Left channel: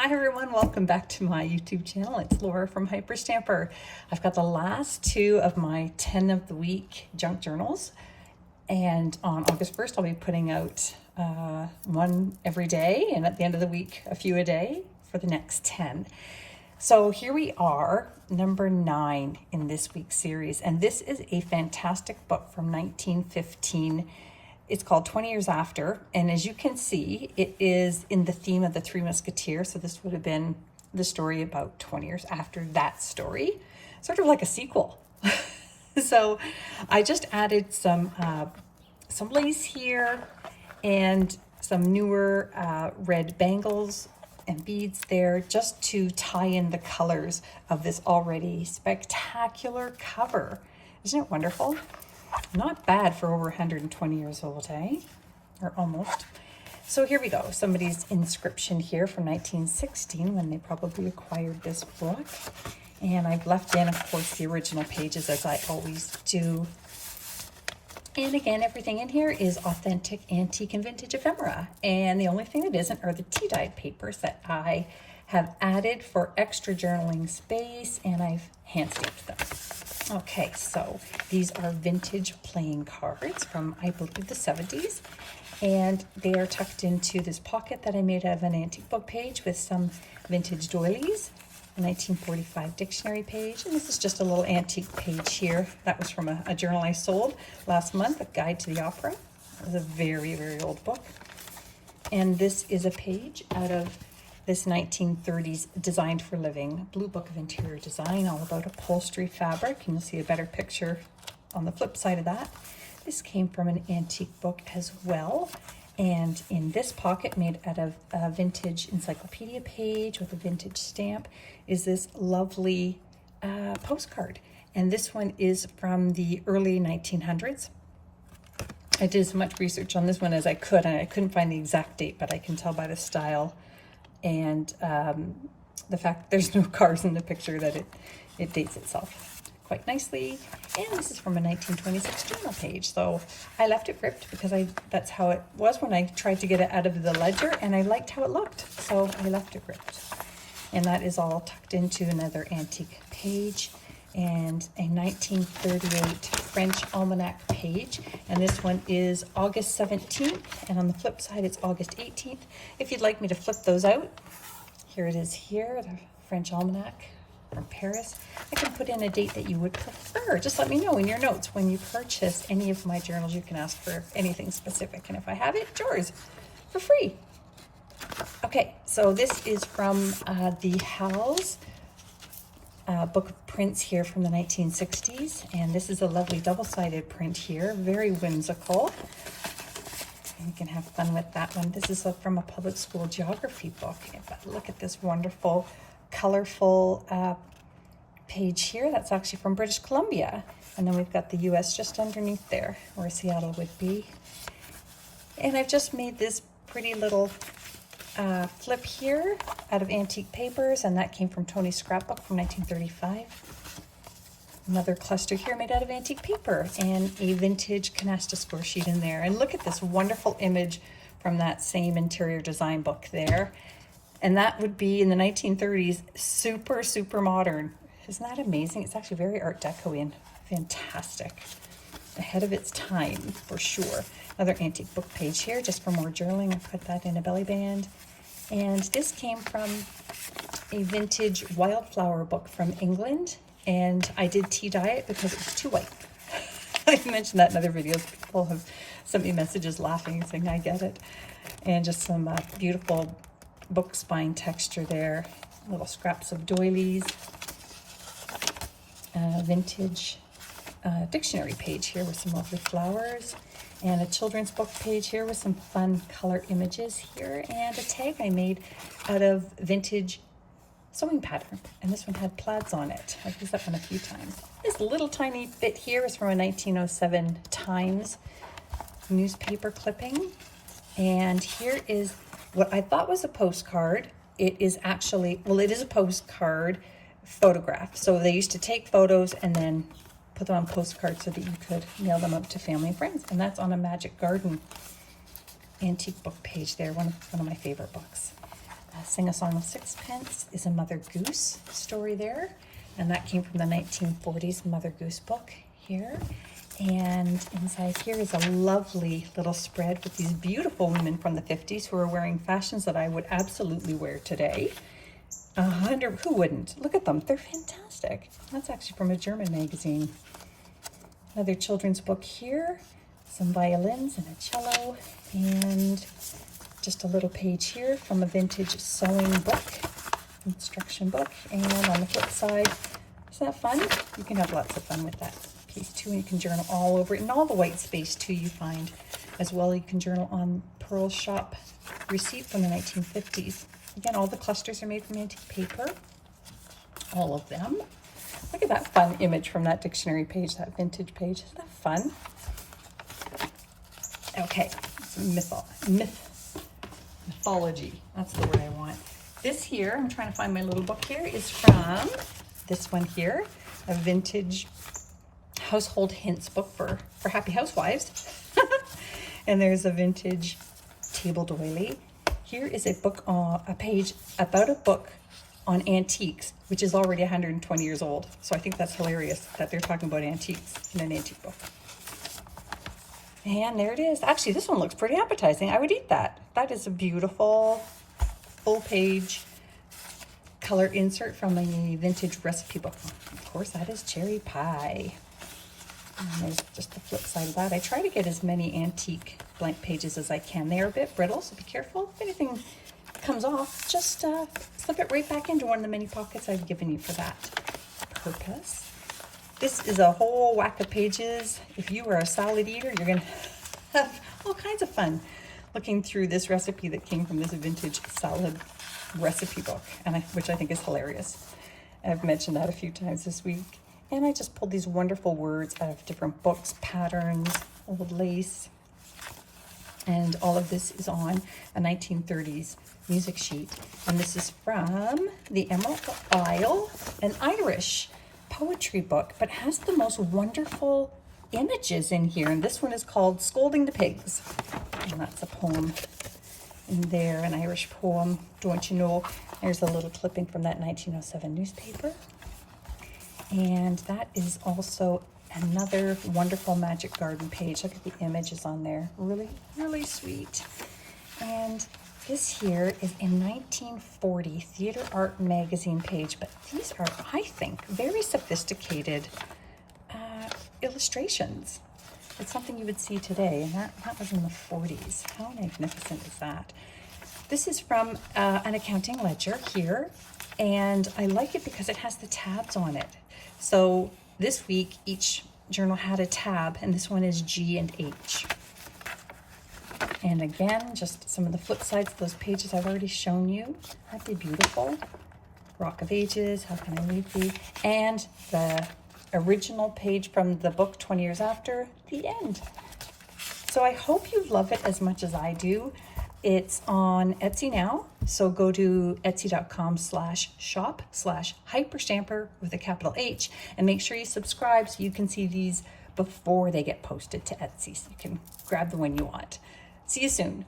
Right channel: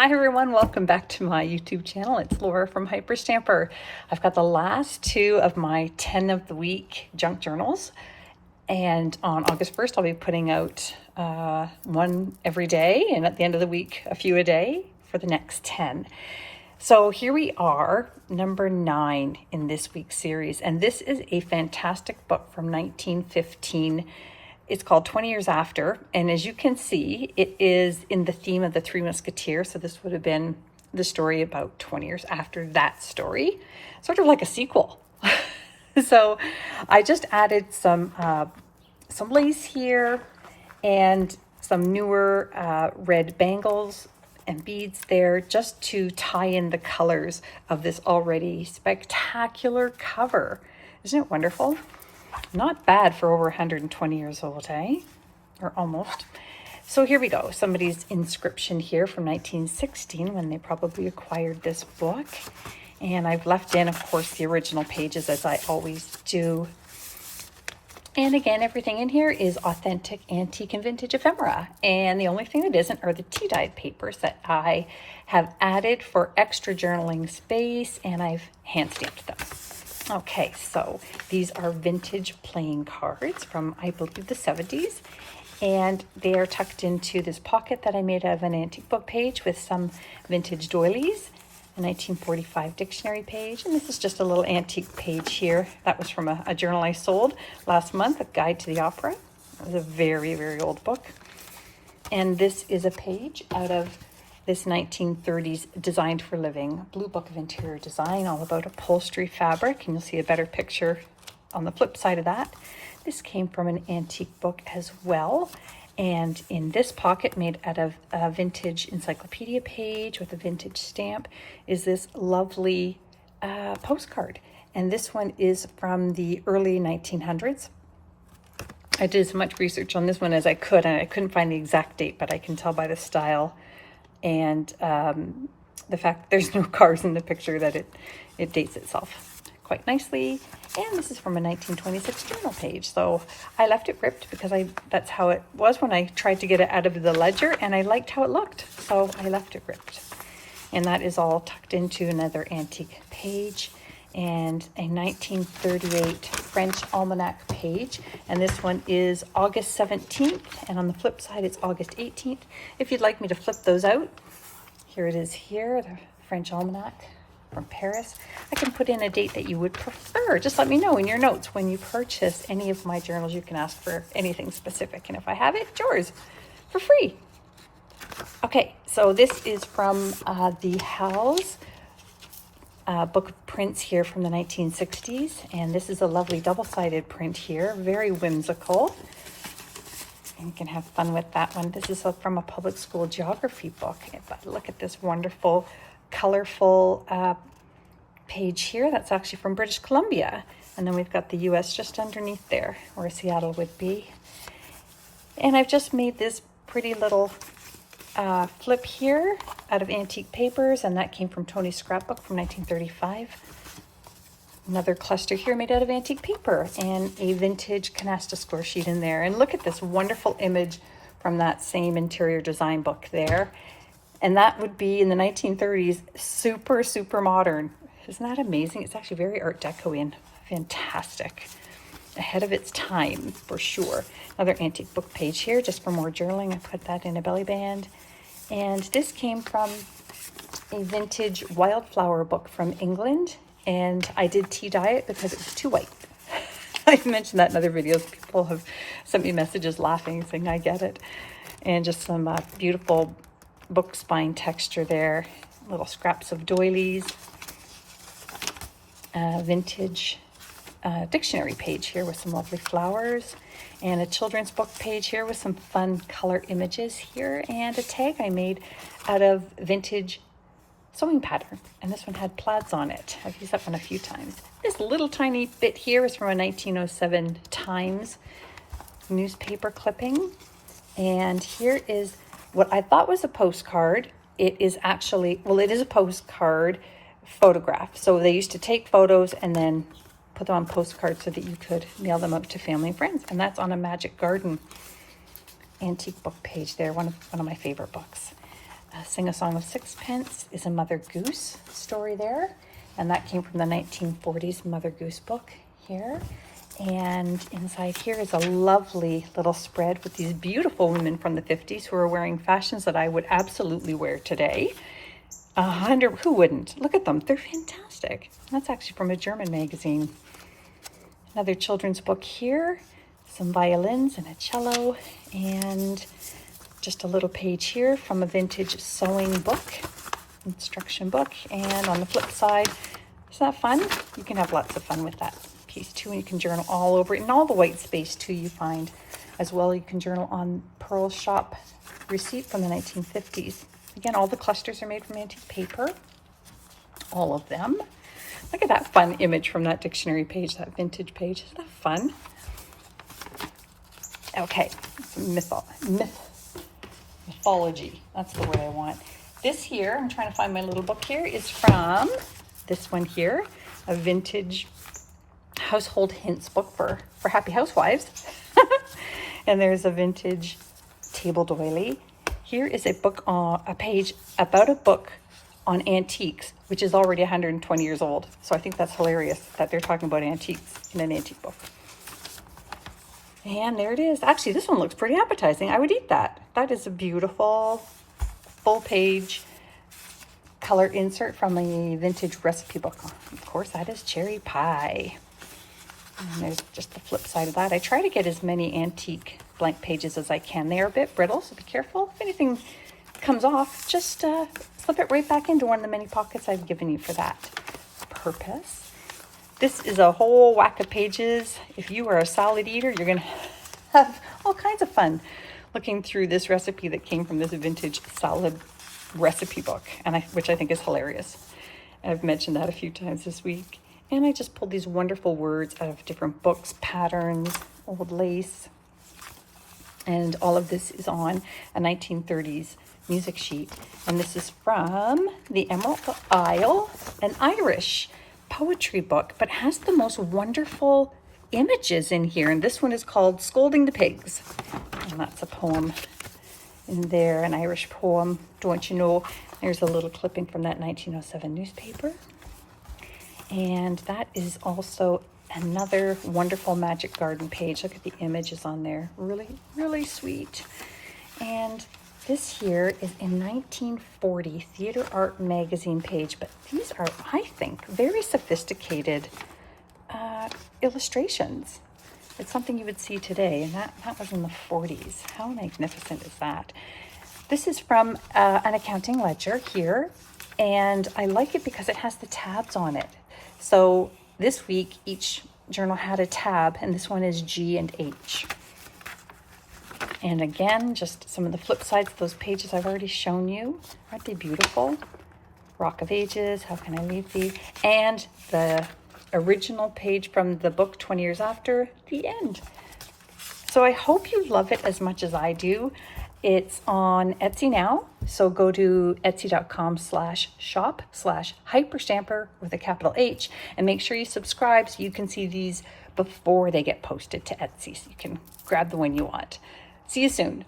Hi everyone, welcome back to my YouTube channel. It's Laura from Hyperstamper. I've got the last two of my 10 of the week junk journals, and on August 1st I'll be putting out one every day, and at the end of the week a few a day for the next 10. So here we are, number 9 in this week's series, and this is a fantastic book from 1915. It's called 20 Years After, and as you can see, it is in the theme of the Three Musketeers, so this would have been the story about 20 years after that story, sort of like a sequel. So I just added some lace here and some newer red bangles and beads there just to tie in the colors of this already spectacular cover. Isn't it wonderful? Not bad for over 120 years old, eh? Or almost. So here we go. Somebody's inscription here from 1916 when they probably acquired this book. And I've left in, of course, the original pages as I always do. And again, everything in here is authentic, antique, and vintage ephemera. And the only thing that isn't are the tea-dyed papers that I have added for extra journaling space, and I've hand-stamped them. Okay, so these are vintage playing cards from, I believe, the 70s. And they are tucked into this pocket that I made out of an antique book page with some vintage doilies, a 1945 dictionary page. And this is just a little antique page here. That was from a journal I sold last month, A Guide to the Opera. It was a very, very old book. And this is a page out of this 1930s Designed for Living Blue Book of Interior Design, all about upholstery fabric, and you'll see a better picture on the flip side of that. This came from an antique book as well, and in this pocket made out of a vintage encyclopedia page with a vintage stamp is this lovely postcard, and this one is from the early 1900s. I did as much research on this one as I could, and I couldn't find the exact date, but I can tell by the style and the fact that there's no cars in the picture that it dates itself quite nicely. And this is from a 1926 journal page, so I left it ripped because that's how it was when I tried to get it out of the ledger, and I liked how it looked, so I left it ripped. And that is all tucked into another antique page and a 1938 French almanac page, and this one is August 17th, and on the flip side it's August 18th. If you'd like me to flip those out, here it is here, the French almanac from Paris. I can put in a date that you would prefer. Just let me know in your notes when you purchase any of my journals. You can ask for anything specific, and if I have it, it's yours for free. Okay, so this is from the Howells book of prints here from the 1960s, and this is a lovely double-sided print here, very whimsical, and you can have fun with that one. This is from a public school geography book, but look at this wonderful colorful page here. That's actually from British Columbia, and then we've got the US just underneath there where Seattle would be. And I've just made this pretty little flip here out of antique papers, and that came from Tony's scrapbook from 1935. Another cluster here made out of antique paper and a vintage canasta score sheet in there. And look at this wonderful image from that same interior design book there. And that would be in the 1930s, super, super modern. Isn't that amazing? It's actually very Art Deco and fantastic. Ahead of its time, for sure. Another antique book page here, just for more journaling. I put that in a belly band. And this came from a vintage wildflower book from England, and I did tea dye it because it was too white. I've mentioned that in other videos. People have sent me messages laughing, saying I get it. And just some beautiful book spine texture there. Little scraps of doilies. Vintage dictionary page here with some lovely flowers, and a children's book page here with some fun color images here, and a tag I made out of vintage sewing pattern, and this one had plaids on it. I've used that one a few times. This little tiny bit here is from a 1907 Times newspaper clipping, and here is what I thought was a postcard. It is actually, well, it is a postcard photograph. So they used to take photos and then put them on postcards so that you could mail them out to family and friends. And that's on a Magic Garden antique book page there, one of my favorite books. Sing a Song of Sixpence is a Mother Goose story there. And that came from the 1940s Mother Goose book here. And inside here is a lovely little spread with these beautiful women from the 50s who are wearing fashions that I would absolutely wear today. Who wouldn't? Look at them, they're fantastic. That's actually from a German magazine. Another children's book here, some violins and a cello, and just a little page here from a vintage sewing book, instruction book. And on the flip side, is that fun? You can have lots of fun with that piece too, and you can journal all over it, and all the white space too you find as well. You can journal on Pearl Shop receipt from the 1950s. Again, all the clusters are made from antique paper, all of them. Look at that fun image from that dictionary page, that vintage page. Isn't that fun? Okay, mythology. That's the word I want. This here, I'm trying to find my little book here, is from this one here, a vintage household hints book for happy housewives. And there's a vintage table doily. Here is a book on a page about a book on antiques, which is already 120 years old. So I think that's hilarious that they're talking about antiques in an antique book. And there it is. Actually, this one looks pretty appetizing. I would eat that. That is a beautiful full page color insert from a vintage recipe book. Of course, that is cherry pie. And there's just the flip side of that. I try to get as many antique blank pages as I can. They are a bit brittle, so be careful. If anything comes off, just slip it right back into one of the many pockets I've given you for that purpose. This is a whole whack of pages. If you are a salad eater, you're gonna have all kinds of fun looking through this recipe that came from this vintage salad recipe book, which I think is hilarious. I've mentioned that a few times this week. And I just pulled these wonderful words out of different books, patterns, old lace. And all of this is on a 1930s music sheet. And this is from the Emerald Isle, an Irish poetry book, but has the most wonderful images in here. And this one is called Scolding the Pigs. And that's a poem in there, an Irish poem, don't you know? There's a little clipping from that 1907 newspaper. And that is also another wonderful Magic Garden page. Look at the images on there. Really, really sweet. And this here is a 1940 Theater Art magazine page, but these are, I think, very sophisticated illustrations. It's something you would see today, and that was in the 40s. How magnificent is that? This is from an accounting ledger here, and I like it because it has the tabs on it. So this week, each journal had a tab, and this one is G and H. And again, just some of the flip sides of those pages I've already shown you. Aren't they beautiful? Rock of Ages, How Can I Leave Thee? And the original page from the book 20 years after, the end. So I hope you love it as much as I do. It's on Etsy now. So go to etsy.com/shop/hyperstamper with a capital H, and make sure you subscribe so you can see these before they get posted to Etsy, so you can grab the one you want. See you soon.